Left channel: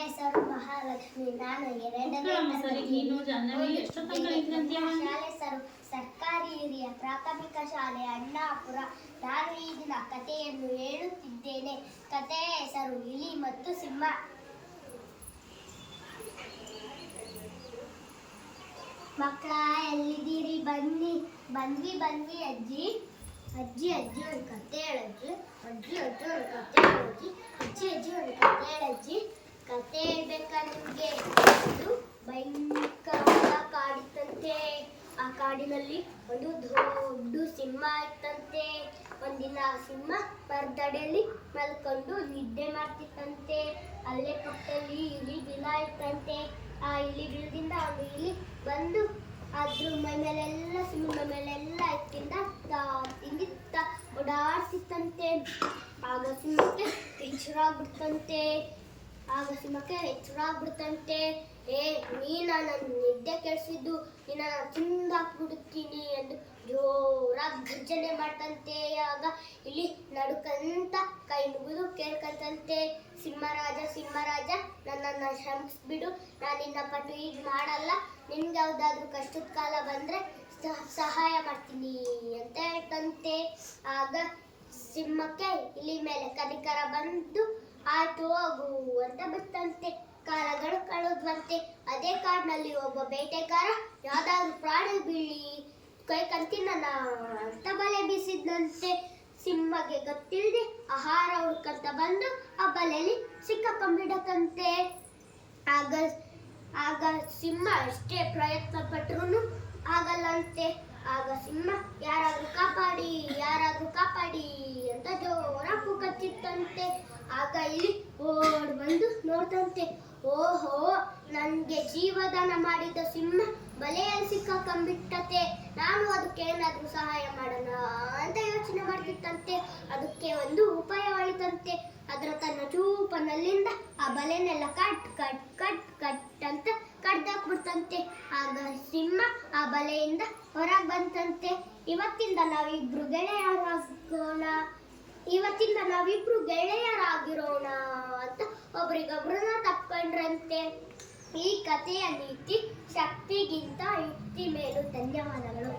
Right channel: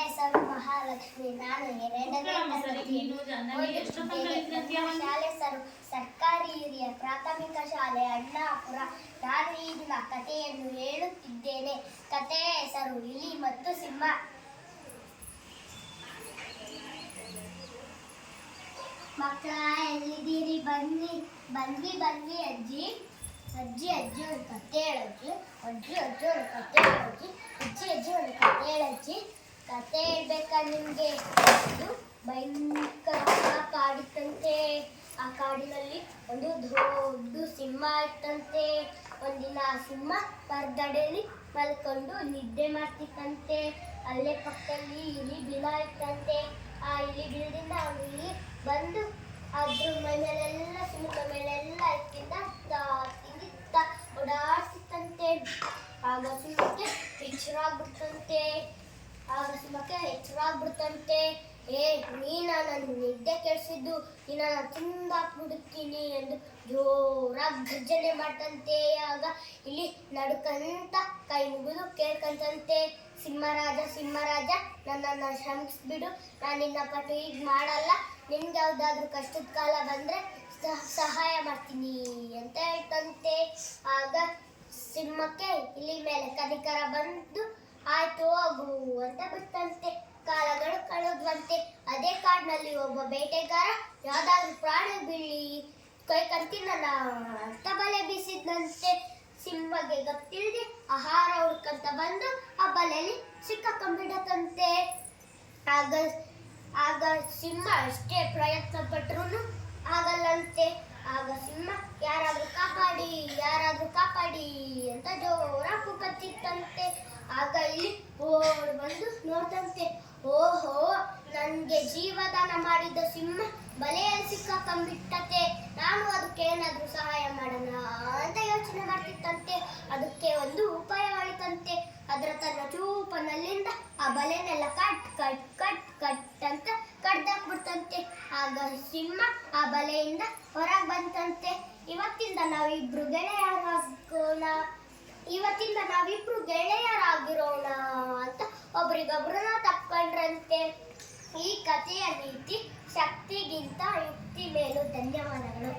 ಹೆಸರು ಮಹಾಲಕ್ಷ್ಮಿ. ನಾನು 2ನೇ ತರಗತಿಯಲ್ಲಿ ಓದುತ್ತಿದ್ದೇನೆ. ನಮ್ಮ ಶಾಲೆ ಸರ್ಕಾರಿ ಹಿರಿಯ ಪ್ರಾಥಮಿಕ ಶಾಲೆ ಅಣ್ಣಾಪುರ. ನಾನು ಈ ದಿನ ಕಥೆಯನ್ನು ಹೇಳುತ್ತಿದ್ದೇನೆ. ಕಥೆಯ ಹೆಸರು ಇಲಿ ಮತ್ತು ಸಿಂಹ. ಮಕ್ಕಳ ಎಲ್ಲಿದ್ದೀರಿ? ಬಂದ್ವಿ ಅಜ್ಜಿ. ಅಜ್ಜಿ ಒಂದು ಕತೆ ಹೇಳಜ್ಜಿ. ಅಜ್ಜಿ ಒಂದು ಕತೆ ಹೇಳಜ್ಜಿ. ಅಜ್ಜಿ ಒಂದು ಕತೆ ಹೇಳಜ್ಜಿ. ಕತೆ ಹೇಳ್ಬೇಕಾ ನಿಮ್ಗೆ? ಅದು ಭಯಂಕರ ಕಾಡಿತ್ತಂತೆ. ಆ ಕಾಡಿನಲ್ಲಿ ಒಂದು ದೊಡ್ಡ ಸಿಂಹ ಇತ್ತಂತೆ. ಒಂದಿನ ಆ ಸಿಂಹ ಮರದಡಿಯಲ್ಲಿ ಮಲ್ಕೊಂಡು ನಿದ್ದೆ ಮಾಡ್ತಿತ್ತಂತೆ. ಅಲ್ಲೇ ಪಕ್ಕದಲ್ಲಿ ಇಲಿ ಬಿಲ ಇತ್ತಂತೆ. ಆ ಇಲಿ ಬಿಲದಿಂದ ಒಂದು ಇಲಿ ಬಂದು ಅದ್ರ ಮೇಲೆಲ್ಲ ಸಿಂಹದ ಮೇಲೆಲ್ಲ ತಿಂದಿತ್ತ ಓಡಾಡ್ತಿತ್ತಂತೆ. ಆಗ ಸಿಂಹಕ್ಕೆ ಎಚ್ಚರಾಗ್ಬಿಡ್ತಂತೆ. ನೀನ ನನ್ನ ನಿದ್ದೆ ಕೆಡಿಸಿದ್ದು, ನಿನ್ನ ತಿಂದಾಕ್ಬಿಡುತ್ತೀನಿ ಎಂದು ಜೋರಾಗಿ ಗರ್ಜನೆ ಮಾಡ್ತಂತೆ. ಆಗ ಇಲ್ಲಿ ನಡುಕಂತ ಕೈ ಮುಗಿದು ಕೇಳ್ಕಂತಂತೆ, ಸಿಂಹರಾಜ ನನ್ನನ್ನು ಕ್ಷಮಿಸ್ಬಿಡು, ನಾನು ನಿನ್ನ ಪಟ್ಟು ಈಗ ಮಾಡಲ್ಲ, ನಿನ್ಗೆ ಯಾವ್ದಾದ್ರು ಕಷ್ಟದ ಕಾಲ ಬಂದ್ರೆ ಸಹಾಯ ಮಾಡ್ತೀನಿ ಅಂತ ಹೇಳ್ತಂತೆ. ಆಗ ಸಿಂಹಕ್ಕೆ ಇಲಿ ಮೇಲೆ ಕನಿಕರ ಬಂದು ಆಯ್ತು ಹೋಗು ಅಂತ ಬಿಡ್ತಂತೆ. ಕಾಲಗಳು ಕಳೆದ್ವಂತೆ. ಅದೇ ಕಾಡಿನಲ್ಲಿ ಒಬ್ಬ ಬೇಟೆಗಾರ ಯಾವ್ದಾದ್ರು ಪ್ರಾಣಿ ಬೀಳಿ ಕೈ ಕಂತಿನ ಅಂತ ಬಲೆ ಬೀಸಿದ್ನಂತೆ. ಸಿಂಹಗೆ ಗೊತ್ತಿಲ್ಲದೆ ಆಹಾರ ಹುಡ್ಕಂತ ಬಂದು ಆ ಬಲೆಯಲ್ಲಿ ಸಿಕ್ಕಾಕೊಂಡ್ಬಿಡತಂತೆ. ಆಗ ಸಿಂಹ ಎಷ್ಟೇ ಪ್ರಯತ್ನ ಪಟ್ರು ಆಗಲ್ಲಂತೆ. ಆಗ ಸಿಂಹ ಯಾರಾದ್ರೂ ಕಾಪಾಡಿ ಅಂತ ಜೋರಾಗಿ ಕೂಗತ್ತಿತ್ತಂತೆ. ಆಗ ಇಲ್ಲಿ ಓಡ್ ಬಂದು ನೋಡ್ತಂತೆ. ಓಹೋ, ನನ್ಗೆ ಜೀವದಾನ ಮಾಡಿದ ಸಿಂಹ ಬಲೆಯಲ್ಲಿ ಸಿಕ್ಕಾಕೊಂಡ್ಬಿಟ್ಟತೆ. ನಾನು ಅದಕ್ಕೆ ಏನಾದ್ರೂ ಸಹಾಯ ಮಾಡೋಣ ಅಂತ ಯೋಚನೆ ಮಾಡ್ತಿತ್ತಂತೆ. ಅದಕ್ಕೆ ಒಂದು ಉಪಾಯ ಹೊಳಿತಂತೆ. ತನ್ನ ಚೂಪನಲ್ಲಿಂದ ಆ ಬಲೆನೆಲ್ಲ ಕಟ್ ಅಂತ ಕಡ್ದಾಕ್ಬಿಡ್ತಂತೆ. ಆಗ ಸಿಂಹ ಆ ಬಲೆಯಿಂದ ಹೊರಗೆ ಬಂತಂತೆ. ಇವತ್ತಿಂದ ನಾವಿಬ್ರು ಗೆಳೆಯರಾಗಿರೋಣ ಅಂತ ಒಬ್ರಿಗೊಬ್ರನ್ನ ತಪ್ಕೊಂಡ್ರಂತೆ. ಈ ಕಥೆಯ ನೀತಿ ಶಕ್ತಿಗಿಂತ ಯುಕ್ತಿ ಮೇಲು. ಧನ್ಯವಾದಗಳು.